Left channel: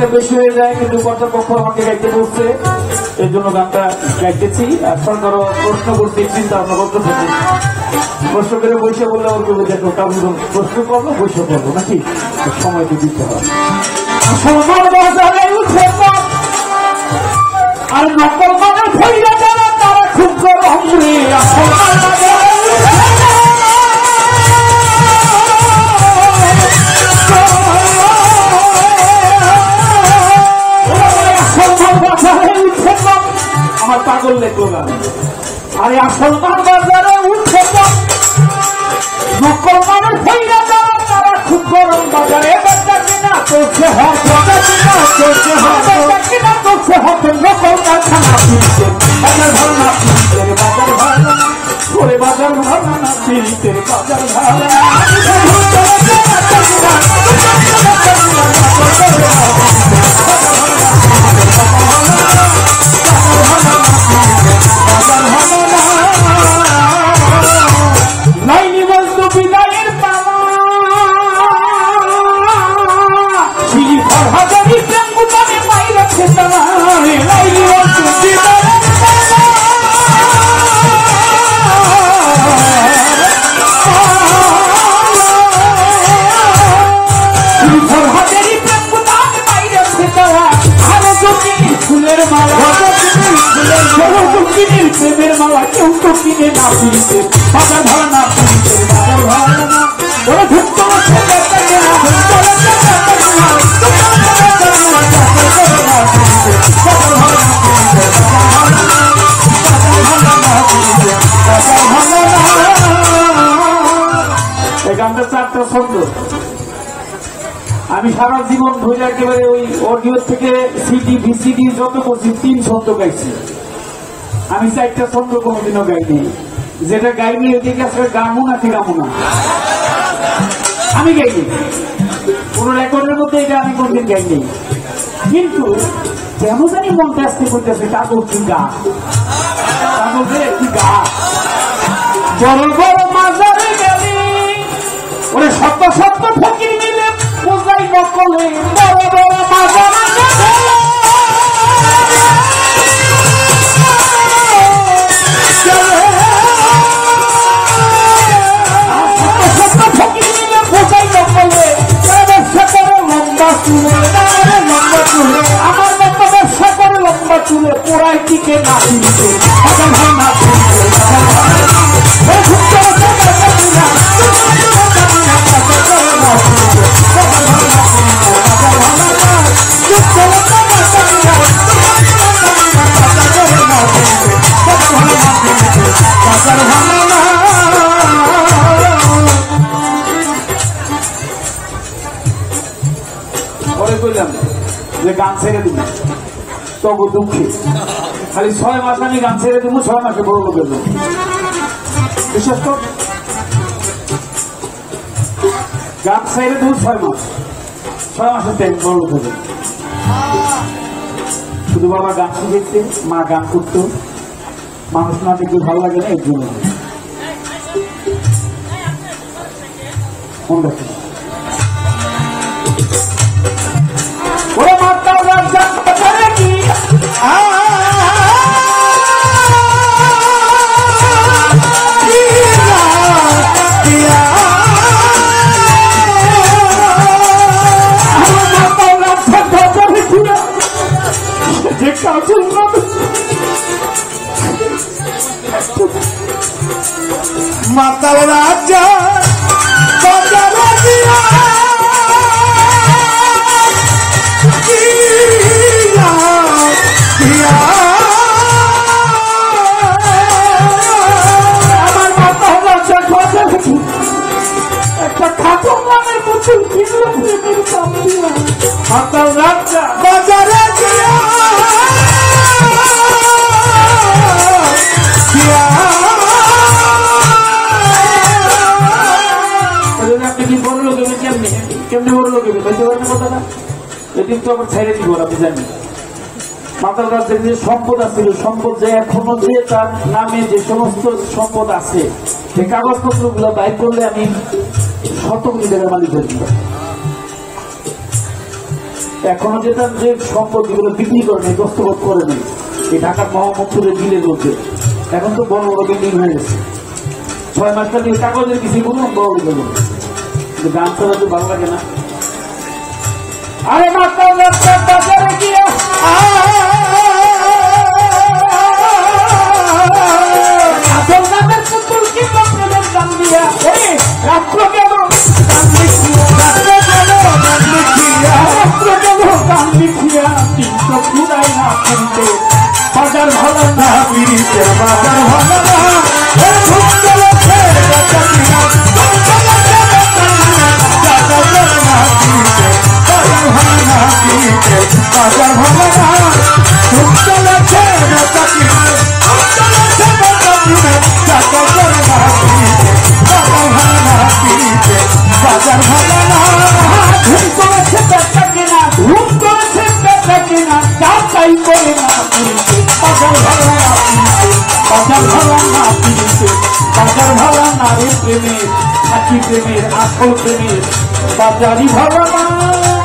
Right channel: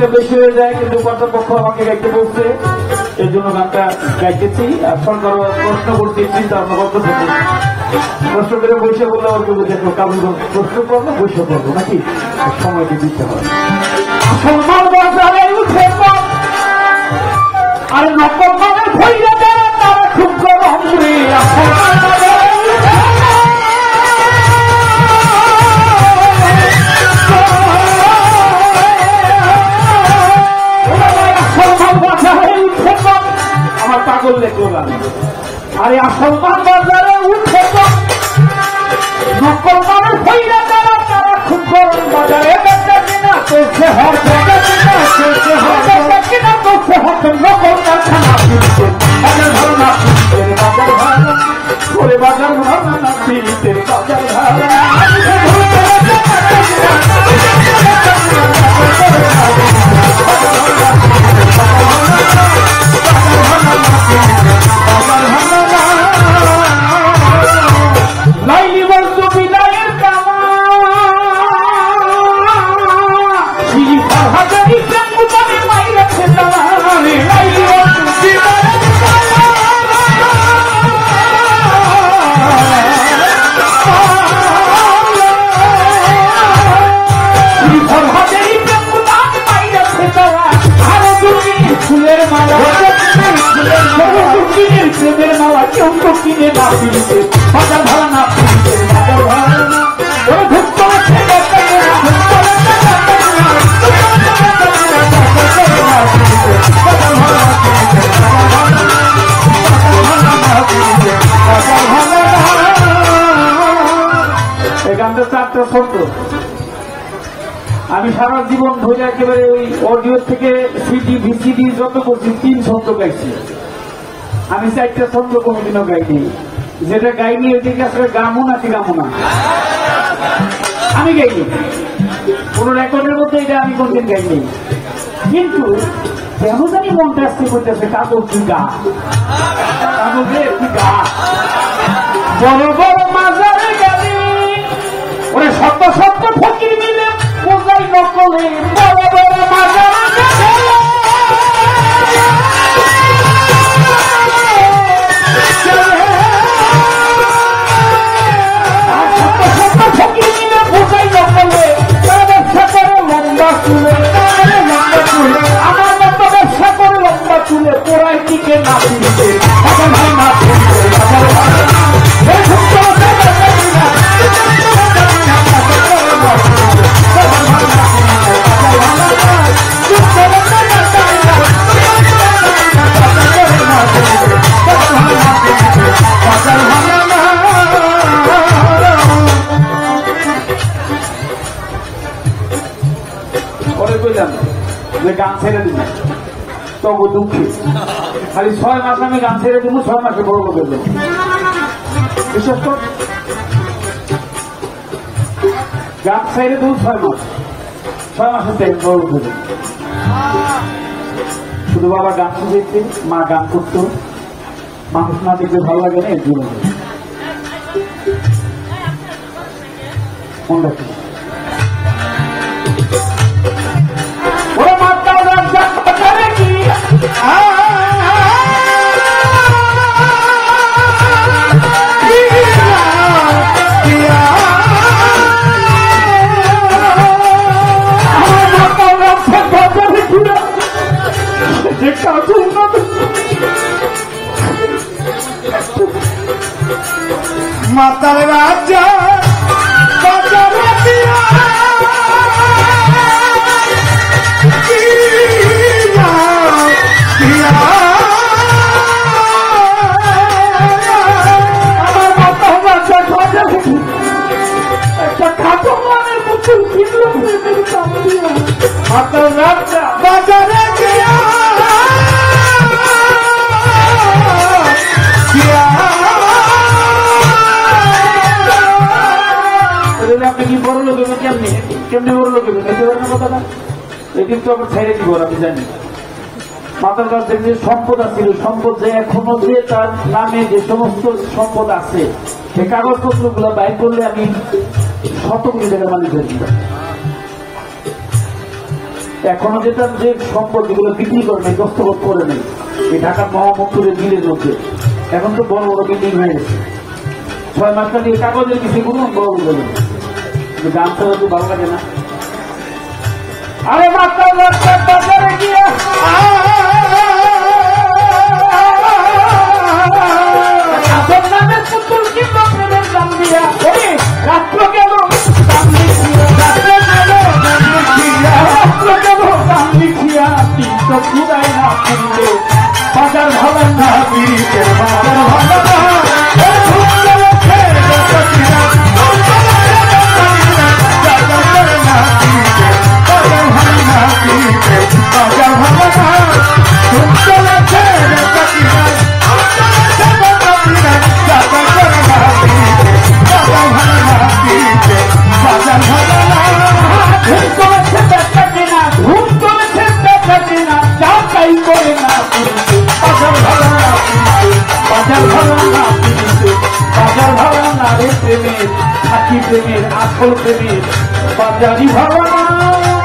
গাইতে বেশি হয়ে যায়, কিন্তু কর্তৃপক্ষ আমাকে গাইতে বলছে, এই জন্য গানটা গাইতেছি। এখন কারো প্রশ্ন করতে চিন্তা ভাবনা করতে প্রশ্ন করে বসে করলে ওর কেউ দেখো কারণ প্রশ্ন করবো বসে করবো নাকি সময়টি দিতে হবে। আর নকল মানুষ হইলে তারা খুব আমার পাগল দেখলো গান। আরে আসল বাজারে উঠে নকল মানুষ হইলে তারা খুব গরম বাজারে কিনা করছে কিনা করছে হতো নকল কারখানা বাজার ভাড়া না পীড়িতের বাজার লাইনি বলতো বিলাইয়ের ফুলের মালা প্রেমের মালা কেউ তো কিনে না পিড়িতে বাজার ভাড়া না পিড়িতে বাজার ভাড়া না ওরা ঘুম করে এই গানটা 4টা শব্দ। আমি সারা জীবন ধরে একেবারে ওই অডিও থেকে সিডি ভিসিডি যত করছি 3 ছন্দ গাইছি। আমি 4টা ছন্দ কোনোদিনও গাইনি, যেটা গাইনি ওইদিকে আসলে গামো না ফিরামো না, আমি গাইনি কোন রেকর্ডের মধ্যে, এটা আমি কোনদিন গাইনি। কিন্তু কেন জানি মনটা আসতে করতেছে কাগজ কি গা কাগজে কি গা বড় বড় মাজারে গাড়ি ওরে সত্য সত্য ফকির মিলে বোঝাই নকলে বড় বড় মাজারে গান ছেড়ে দিবি তবু দুঃখী খালি 6 মাস আমি গান ছেড়ে দেবো, 6 মাসে বড় লোকের জন্য বিশেষ করে গান ছেড়ে দেবো 6 মাসে বড় লোকের শুধু বাবা গান শিখেছে, মা গান করতো, মানুষ না দেখলে ভালো লাগে না এর জন্য মনে রাখি। মাতার রাজা একটা খাটো মনের পুতুল মাতার রাজা বাজারে আপনি কি বড় লোক কেমনি কেমনি বড় লোক বলতে পারেন কথাটা, এদিন তো আবার ছেড়ে দিব আপনি জানেন। মাতার কাছে যে সম্পদ আছে, সম্পদ যে এখনো দিয়ে তার নামে যে সমস্ত সম্পদ আছে সেই কাগজপত্র গুলো বাইর করলে আমি 100 মিটারের মালিক হয়ে এখনো যেতাম যে সম্পত্তিগুলো বিক্রি করে নেই, দস্তখত করে নেই এই ঢাকার মহামন্ত্রীর দিলে রয়েছে। এখন তো বড় বড় বিল্ডিং হয়ে গেছে, 6 মাসটা দিয়ে কাগজের কিছু বলুন বড় বলে দাম ছাড়া তো ভালো লাগে না। আরে মাস্টার বাজারে গিয়ে রাষ্ট্র কেমন বাজার ভালো না বাজার ভালো প্রেমের আসল প্রেমের বাজারি ভালো না।